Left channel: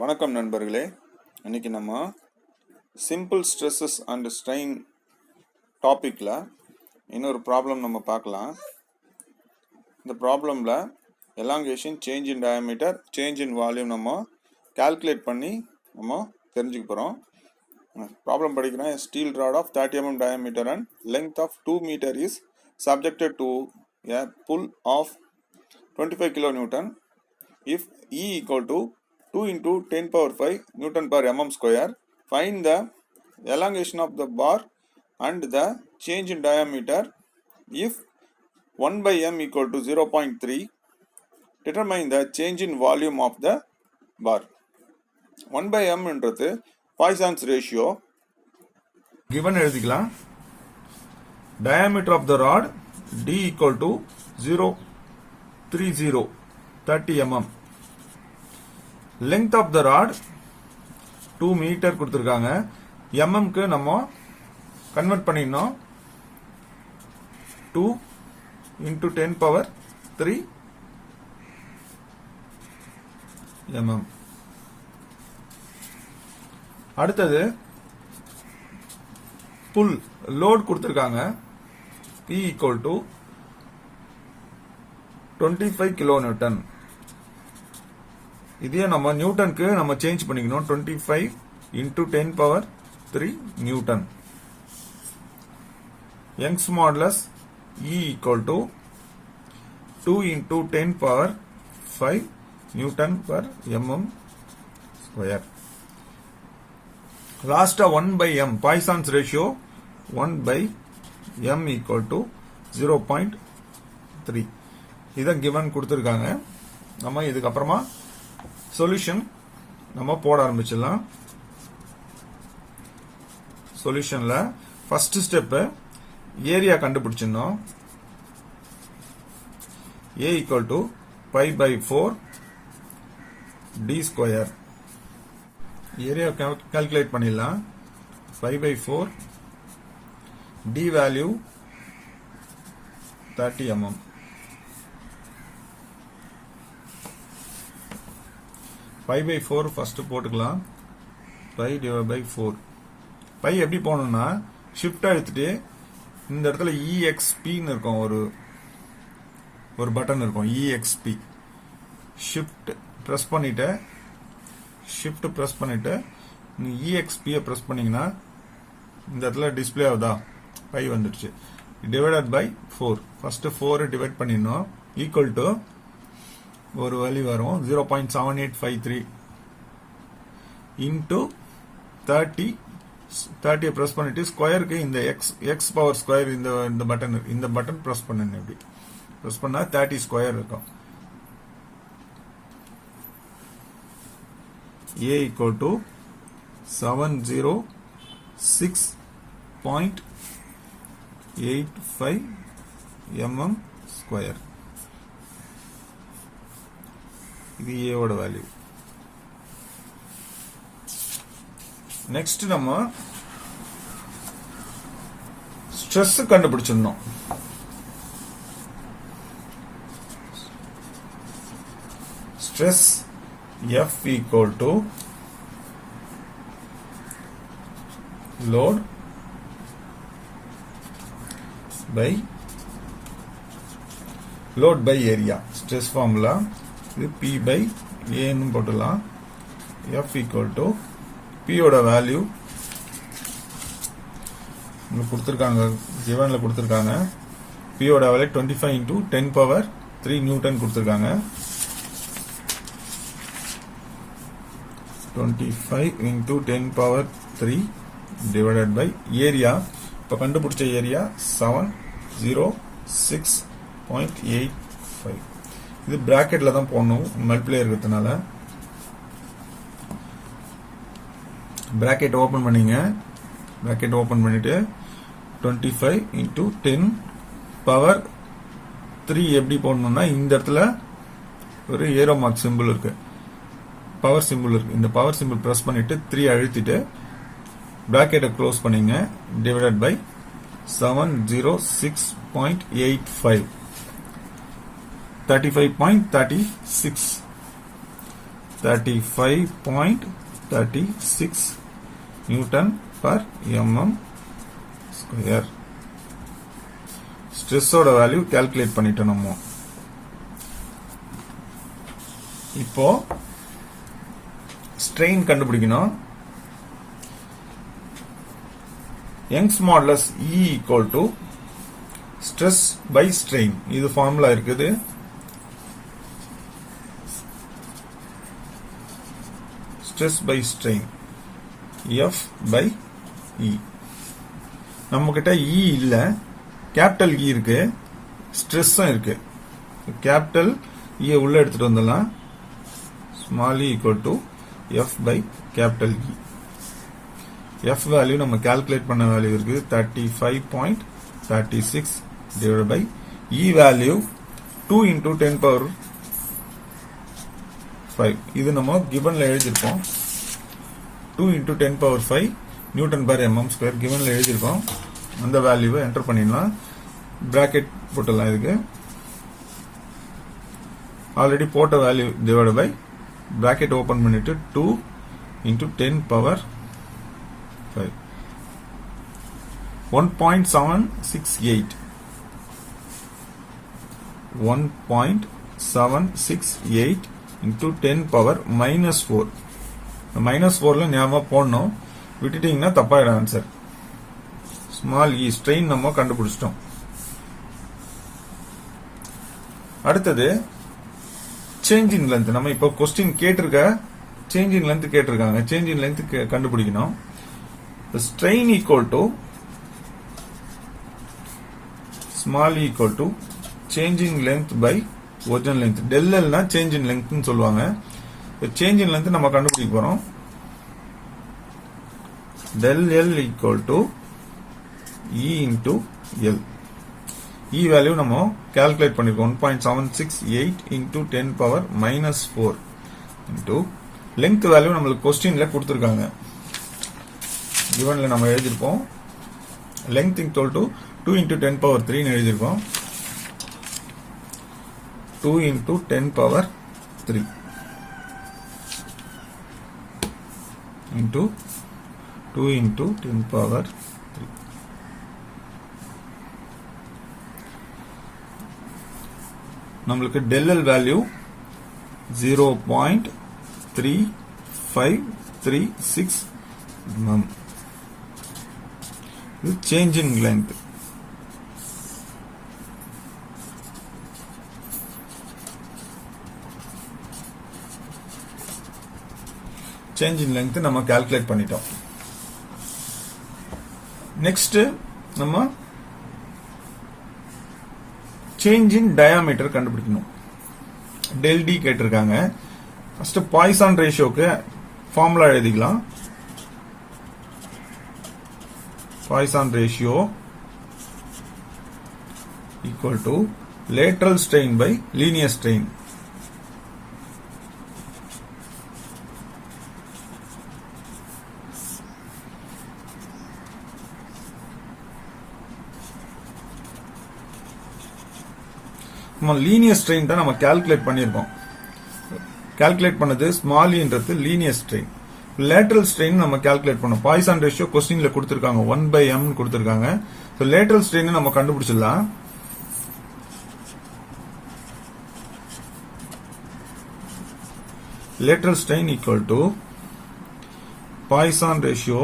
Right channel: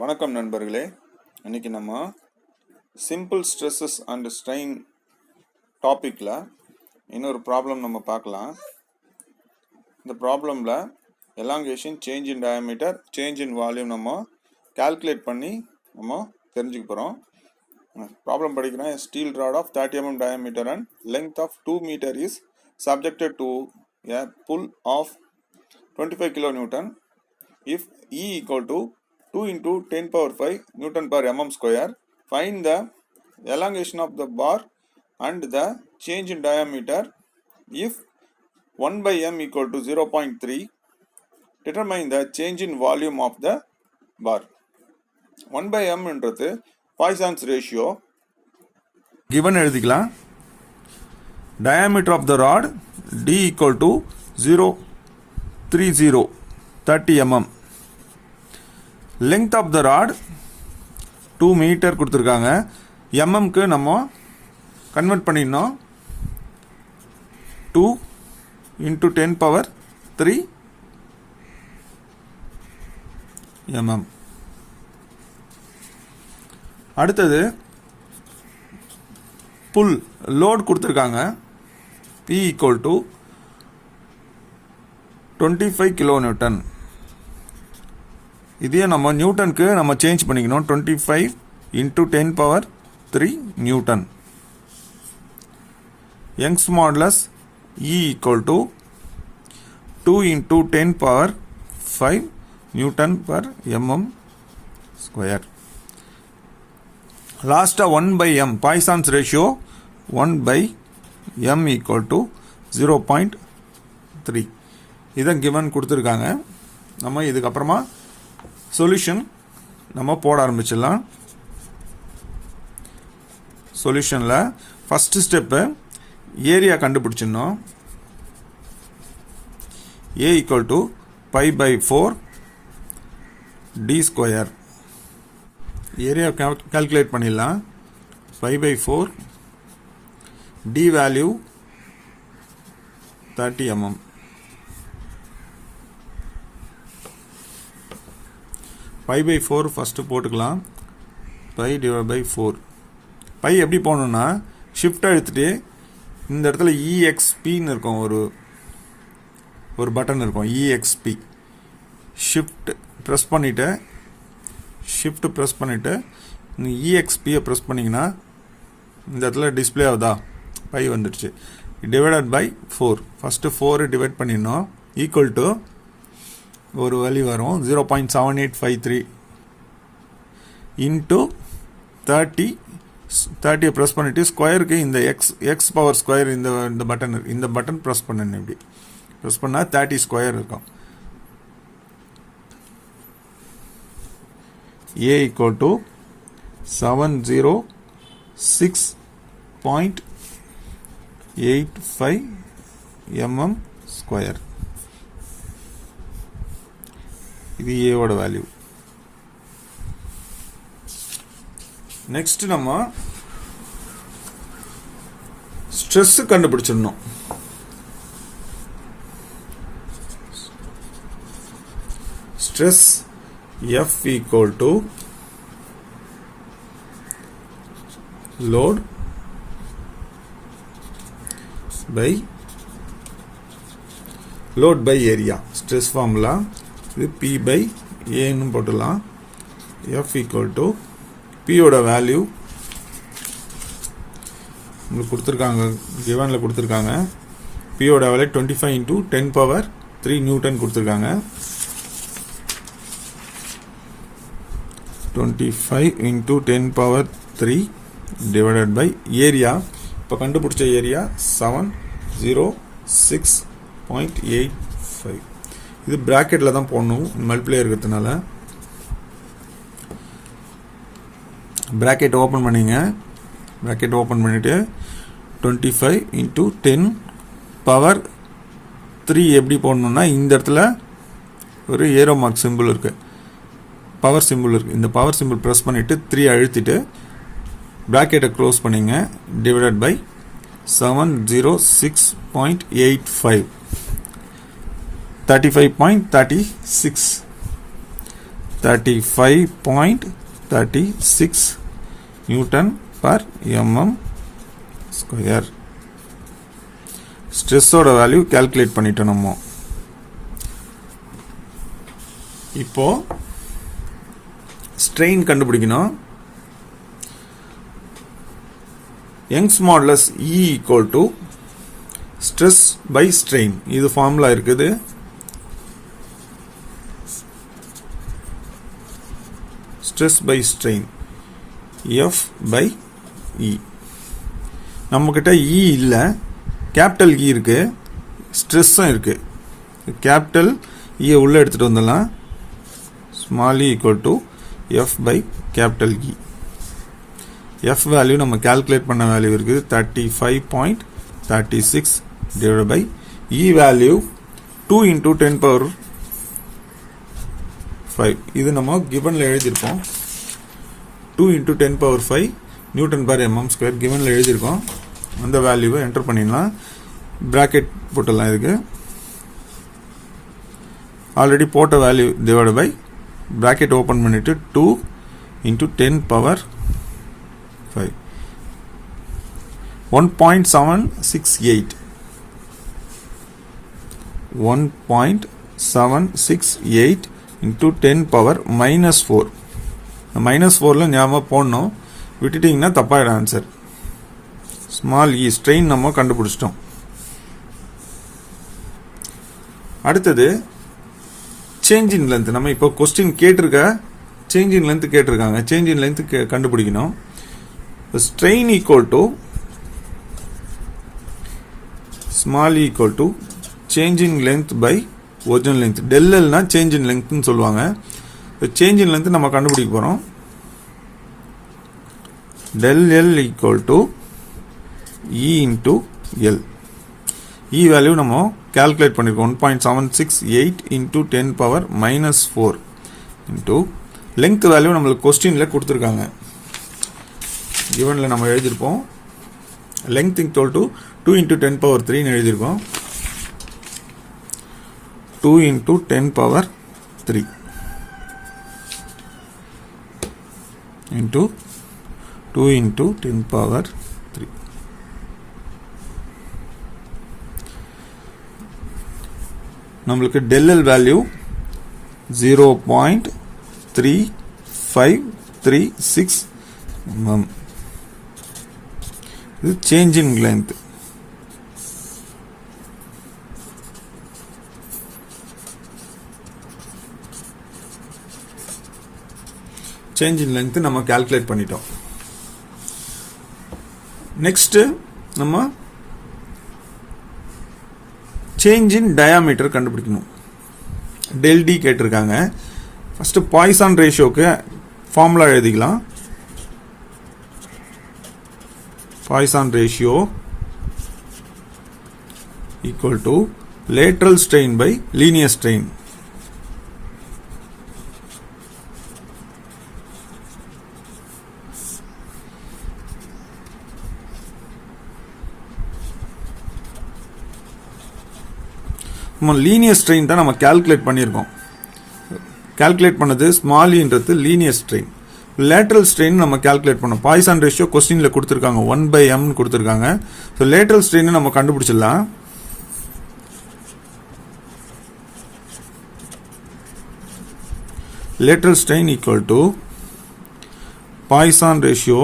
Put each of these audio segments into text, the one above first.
வணக்கம் நண்பர்களே. இன்னைக்கு நம்ம சிம்பிள் ஸ்ட்ரெஸ்ஸஸ் அண்ட் ஸ்ட்ரெயின் டாப்பிக்கில் இன்னொரு ப்ராப்ளம் நம்ம பார்க்கலாம். இந்த ப்ராப்ளமில் elongation, change in diameter, change in volume நம்ம கால்குலேட் பண்ணி நம்ம தெரிஞ்சுக்க போகிறோம். ப்ராப்ளம் படிக்கிறேன். Steel rod of 30 mm diameter and length of 2 meter is subjected to a pull of 25 kN if E equal to 2 into 10 power 5 Newton per mm square. Find the elongation of the bar and the change in diameter if 1 by m equal to 0.3. Determine the change in volume of the bar. 1 by m என்றது Poisson's ratio. given எழுதிக்கலாம். diameter of the rod d equal to 30 mm. length of the rod 2 meter கொடுத்திருக்காங்க. mm க்கு நம்ம convert பண்ணினோம். 2 into 10 power 3 mm. அடுத்தது புல் load கொடுத்திருக்காங்க. P equal to 25 kN. இதே நம்ம நியூட்டனுக்கு நம்ம சேஞ்ச் பண்ணிக்கணும். 25 into 10 power 3 Newton. Young's modulus E equal to 2 into 10 power 5 Newton per mm square. லாஸ்டா 1 by m Poisson's ratio 1 by m equal to 0.3. இதான் given கொடுத்துருக்காங்க. நம்ம இதுக்கப்புறமா சொல்யூஷன் நம்ம போட ஆரம்பிச்சிடலாம். சொல்யூஷனில் ஃபர்ஸ்ட் ஸ்டெப்பு ஏரியா கண்டுபிடிச்சிடணும். A equal to pi by 4 d square. Area calculate பண்ணிடலாம். pi by 4 d value 30 mm. pi by 4 first போட்டுக்கலாம். pi divided by 4. pi எப்படி போகணும்னா ஷிஃப்ட் அழுத்திட்டு இந்த இடத்துல EXPன்னு இருக்கும். ஒரு பட்டன் இருக்கும் EXP. ஷிஃப்ட் ப்ரெஸ் பண்ணிட்டு இந்த EXPயை ப்ரெஸ் பண்ணிங்கன்னா இந்த இடத்துல டிஸ்பிளே ஆகுதா, பை வந்துடுச்சு. Divided by 4. ஃபஸ்ட்டு 4 டிவைட் பண்ணிடணும். ஈக்குவல் டு ஒரு வேல்யூ வரும் 0.7853 இன்ட்டு 30 ப்ரெஸ் பண்ணிவிட்டு ஸ்கொயருக்கு இந்த எக்ஸ் பவர் ஸ்கொயர் இந்த பட்டன் ப்ரெஸ் பண்ணணும். இப்படி ப்ரெஸ் பண்ணால் 30 ஸ்கொயர் இருக்கும். A equal to 706.85 mm square. இது A ஓட வேல்யூ. நெக்ஸ்ட் நம்ம ஸ்ட்ரெஸ் கண்டுபிடிச்சிடணும். Stress F equal to load by area. Stress formula இது P by A ன்னு போட்டுடலாம். F equal to P ஓட வேல்யூ உங்களுக்கு கொடுத்துருக்காங்க, கிவனில் கொடுத்துருக்காங்க. P ஓட வேல்யூ 25 into 10 power 3 நியூட்டன் கொடுத்துருக்காங்க. 25 into 10 power 3 divided by area. இப்போ கண்டுபிடிச்ச ஏரியா 706.85. இது பிராக்கெட்ல தான் போடணும், மல்டிப்ளை இருக்கிறதுனால. பிராக்கெட் ஓப்பன் பண்ணிங்க. பிராக்கெட் ஓப்பன் பண்ணிட்டு 25 into 10 பவர் 3 எப்படி போடணும்னா இந்த இடத்துல ஒரு ஏரோ மார்க் சிம்பிள் இருக்கு, பவர் சிம்பிள் இருக்கு. இந்த பவர் சிம்பிள் ப்ரெஸ் பண்ணிட்டு 3 அழுத்திட்டு பிராக்கெட்டை க்ளோஸ் பண்ணிங்க. Divided by 706.85 35.36 35.36 Newton per mm square. Stress ஓட வேல்யூ கால்குலேட் பண்ணிட்டோம் நம்ம. இப்போ strain கண்டுபிடிக்கணும். Young's modulus E equal to stress by strain. இது ஃபார்முலா இருக்குது. Stress by strain F by E. நம்மகிட்ட E இல்ல, கேபிட்டல் E இருக்கு, ஸ்ட்ரெஸ்ஸும் இருக்கு. கேபிட்டல் E உள்ள எடுத்துட்டு வந்துடலாம். Small e equal to F by capital E. F value நம்ம கால்குலேட் பண்ண வேல்யூ இருக்கு 35.36 divided by E value 2 into 10 power 5. இது நம்ம givenல எழுதியிருக்கோம். 2 into 10 power 5 Newton per mm square givenல எழுதியிருக்கோம். இந்த வேல்யூவை என்டர் பண்ணிடலாம். பிராக்கெட் போட்டலாம். இதுக்கு ஆல்ரெடி போட்ட value divide by bracket open பண்ணிட்டு 2 into 10 power 5 1.768 1.768 into 10 power minus 4. minus 4ல ஞாபகம் போடணும், விட்டுட்டீங்கன்னா தப்பாயிடும் ஆன்சர். ஸ்மால் இ ஸ்ட்ரெயின் நம்ம கண்டுபிடிச்சிட்டோம். அடுத்தது சேஞ்ச் இன் லென்த். நம்ம இப்போ கொஸ்டின் கேட்டிருக்க சேஞ்ச் இன் லென்த் கேட்டிருக்காங்க. சேஞ்ச் இன் லென்த் கண்டுபிடிக்கணும். Strain equal to small equal to change in length by original length. Del எல்னா சேஞ்ச் இன் லென்த்னு சொல்லுவாங்க. சேஞ்ச் இன் லென்த் நம்ம கண்டுபிடிக்க போறோம். del L equal to E into L. E value நம்ம calculate பண்ணிருக்கோம். 1.768 into 10 power minus 4 into length value நம்மளுக்கு கொஸ்டின்ல கொடுத்திருக்காங்க. givenல நம்ம எழுதிருப்போம். length equal to 2 into 10 power 3 னு எழுதிருக்கோம். 2 into 10 power 3 into 2 into 10 power 3. நம்மளுக்கு del L வேல்யூ 0.3536 mm. இது change in length. Change in length நம்ம கால்குலேட் பண்ணிட்டோம். நெக்ஸ்ட் நம்ம சேஞ்ச் இன் டயாமீட்டர் கண்டுபிடிக்கணும். டெல் டி கேட்டிருக்காங்க. ஃபர்ஸ்ட் பாய்சான் ரேஷியோக்கு ஃபார்முலா எழுதிக்கலாம். Poisson ratio equal to lateral strain by linear strain. Linear strain தான் நம்ம கால்குலேட் பண்ணியிருக்கோம். கால்குலேட் பண்ணது ஸ்மால் இன்றது லீனியர் ஸ்ட்ரெயின். லேட்டரல் ஸ்ட்ரெயின் நம்ம கால்குலேட் பண்ணோம். பாய்சான் ரேஷியோ கொஸ்டின்ல கொடுத்திருக்காங்க 1/m கொடுத்திருக்காங்க. ஸோ லேட்டரல் ஸ்ட்ரெயின் நம்ம கண்டுபிடிச்சிடலாம். Lateral strain equal to Poisson ratio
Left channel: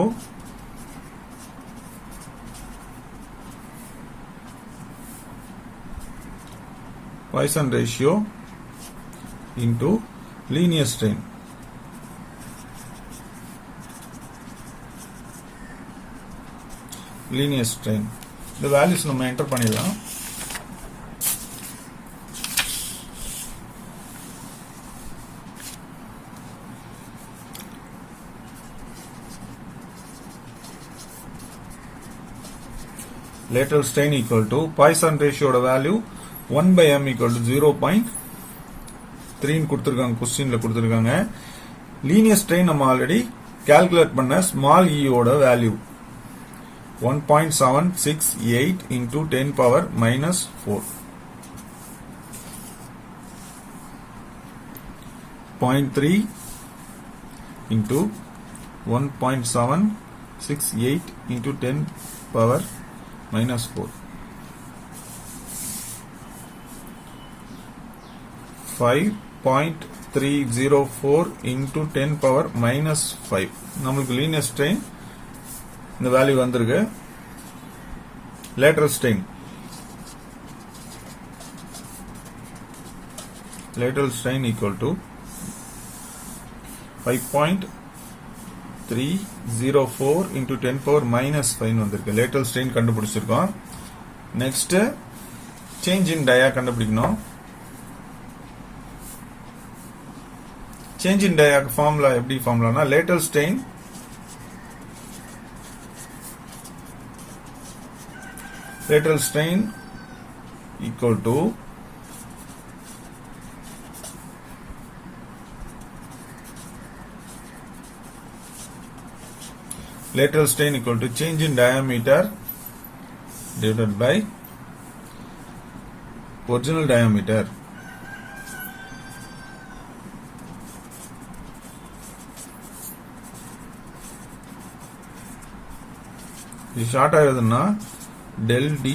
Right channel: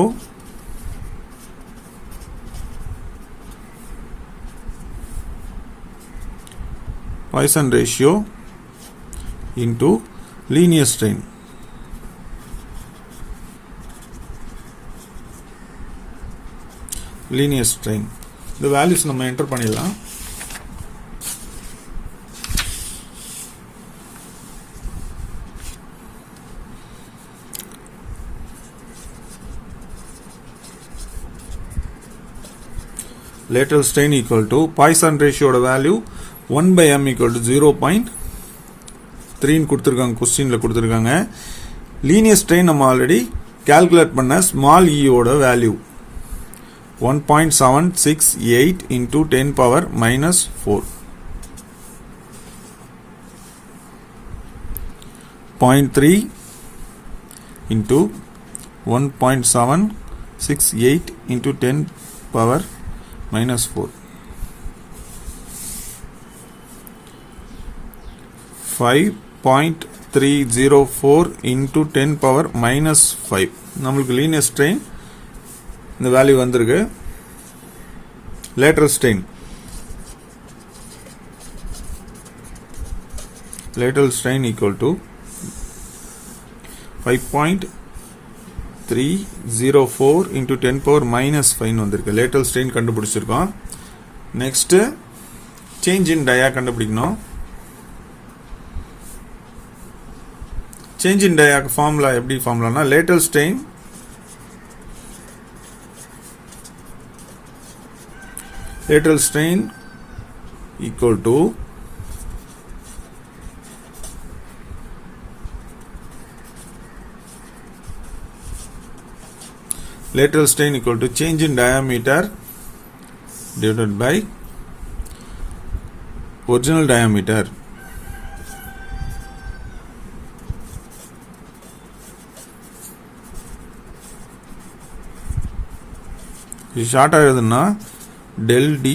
Poisson ratio into linear strain. Linear strain. The values நம்ம enter பண்ணிடலாம். Lateral strain equal to Poisson ratio oda value 1/m equal to 0.3 கொடுத்திருக்காங்க. கொஸ்டின்ல கொடுத்திருக்காங்க. Linear strain நம்ம already calculate பண்ண small e ஓட value 1.768 into 10 power minus 4. 0.3 into 1.768 into 10 power minus 4. 5.304 into 10 power minus 5. நம்மளுக்கு linear strain இந்த value வந்திருக்கு. lateral strain equal to 5.304 into 10 power minus 5 வந்திருக்கு. lateral strain கண்டுபிடிச்சிருக்கோம். next change in dia கண்டுபிடிக்கணும். change in dia formula எப்படி formulaனா lateral strain equal to lateral strain equal to change in diameter divided by original diameter. இது ஷார்ட்டா எழுதுனா del d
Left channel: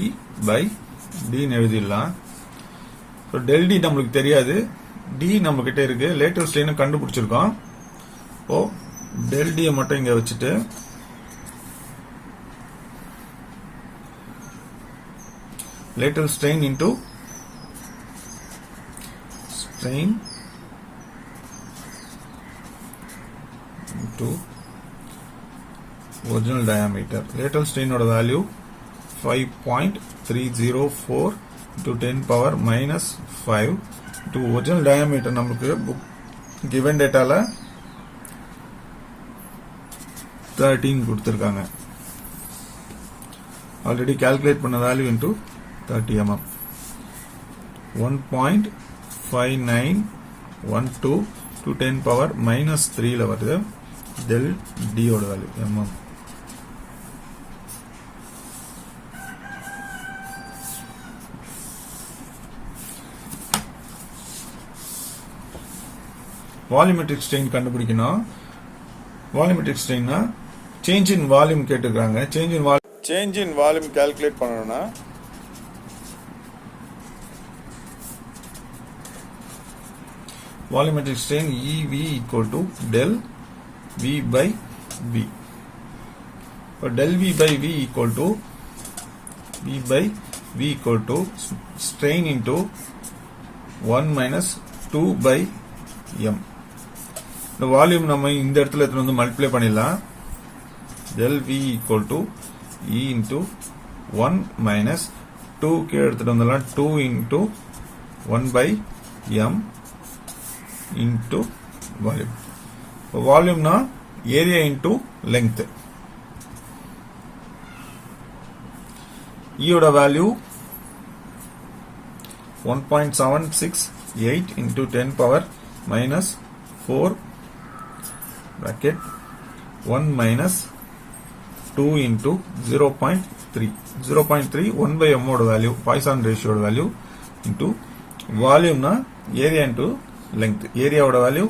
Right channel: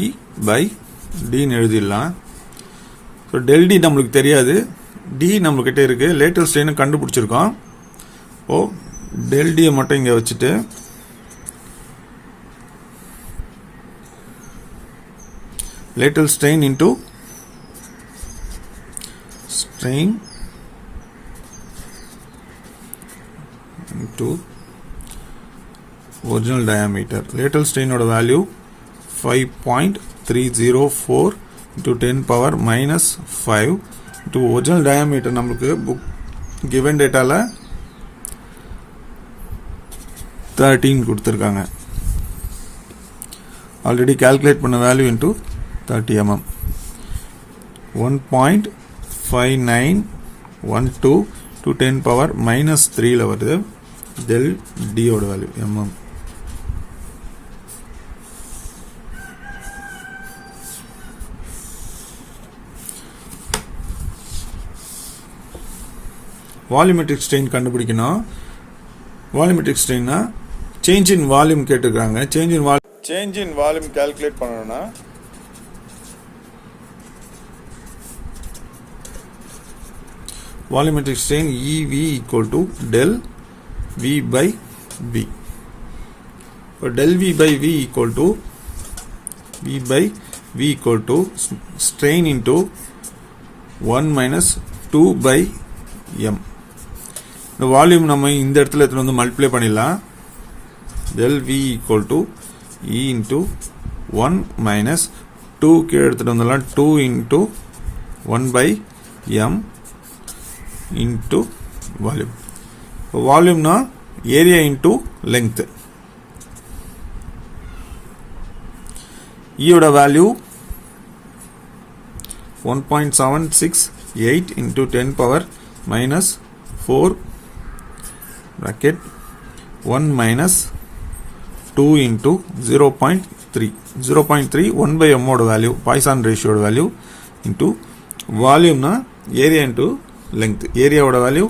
by d ன்னு எழுதிடலாம். So del d நம்மளுக்கு தெரியாது, d நம்மகிட்ட இருக்கு. lateral strain கண்டுபிடிச்சிருக்கோம். ஓ del d மட்டும் இங்க வச்சுட்டு lateral strain into original diameter. lateral strain oda value 5.304 into 10 power minus 5 into original diameter நமக்கு given dataல 13 கொடுத்திருக்காங்க. already calculate பண்ண value into 30 mm. 1.5912 to 10 power minus 3 ல வருது. del d ஓட வேல்யூ mm. வால்யூமெட்ரிக் ஸ்ட்ரெயின் கண்டுபிடிக்கணும். வால்யூமெட்ரிக் ஸ்ட்ரெயின்னா சேஞ்ச் இன் வால்யூம் கேட்டுக்கிறாங்க. Change in volume calculate பண்ணணும்னா volumetric strain EV equal to del V by V. del V by V equal to strain into 1 minus 2 by m. இந்த volume நம்ம இந்த இடத்துல எடுத்து வந்து multiply பண்ணிடலாம். del V equal to E into 1 minus 2 கீழே எடுத்துட்டு வந்துடலாம். 2 into 1 by m into volume. வால்யூம்னா ஏரியா into length. யோட value 1.768 into 10 power minus 4 bracket 1 minus 2 into 0.3 1 by m oda value Poisson ratio oda value into volume na area into length. area oda value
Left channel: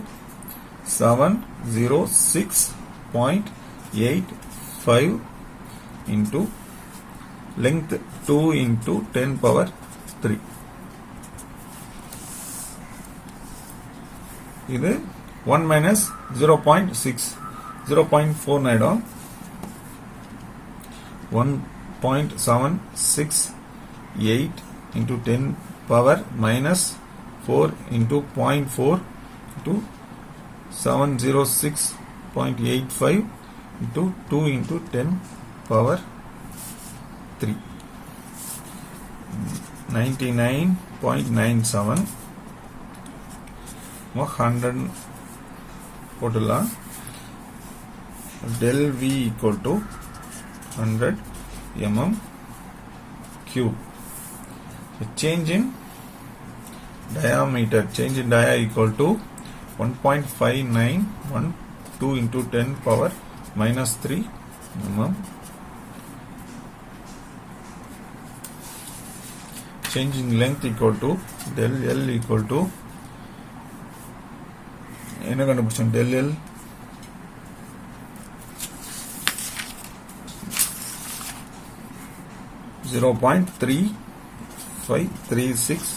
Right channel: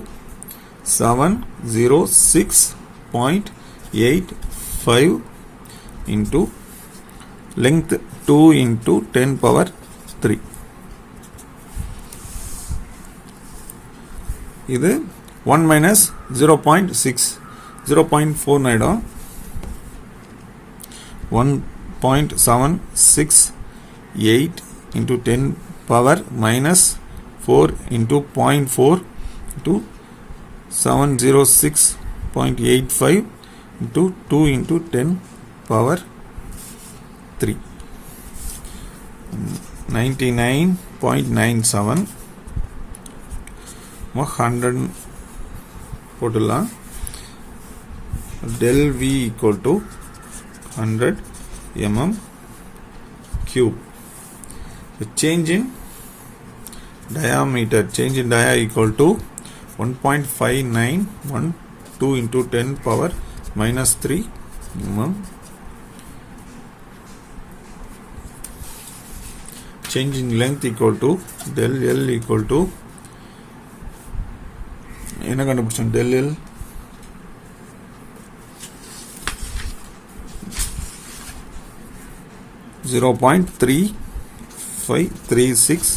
706.85 into length 2 into 10 power 3. இது 1 minus 0.6 0.4 ஆயிடும். 1.768 into 10 power minus 4 into 0.4 into 706.85 into 2 into 10 power 3. 99.97 100 போட்டுலாம். del V equal to 100 mm cube. The change in diameter, change in dia equal to 1.5912 into 10 power minus 3 mm. Change in length equal to del L equal to என்ன கண்டுபிடிச்சோம் del L 0.3536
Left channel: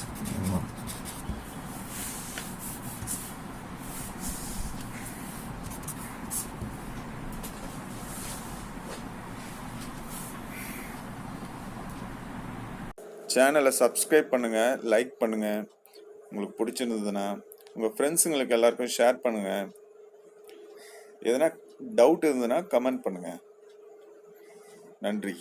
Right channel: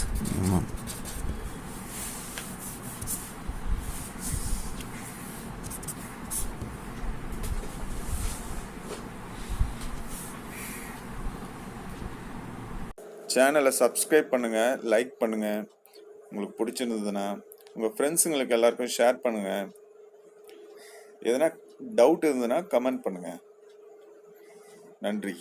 mm. சேனலை subscribe பண்ணுங்கள், like பண்ணுங்கள். உங்களுக்கு பிடிச்சிருந்ததுன்னா உங்கள் ஃப்ரெண்ட்ஸுங்களுக்கு எல்லாருக்கும் share பண்ணுங்கள். எதனா டவுட் இருந்ததுன்னா கமெண்ட் பண்ணுங்கள். நன்றி.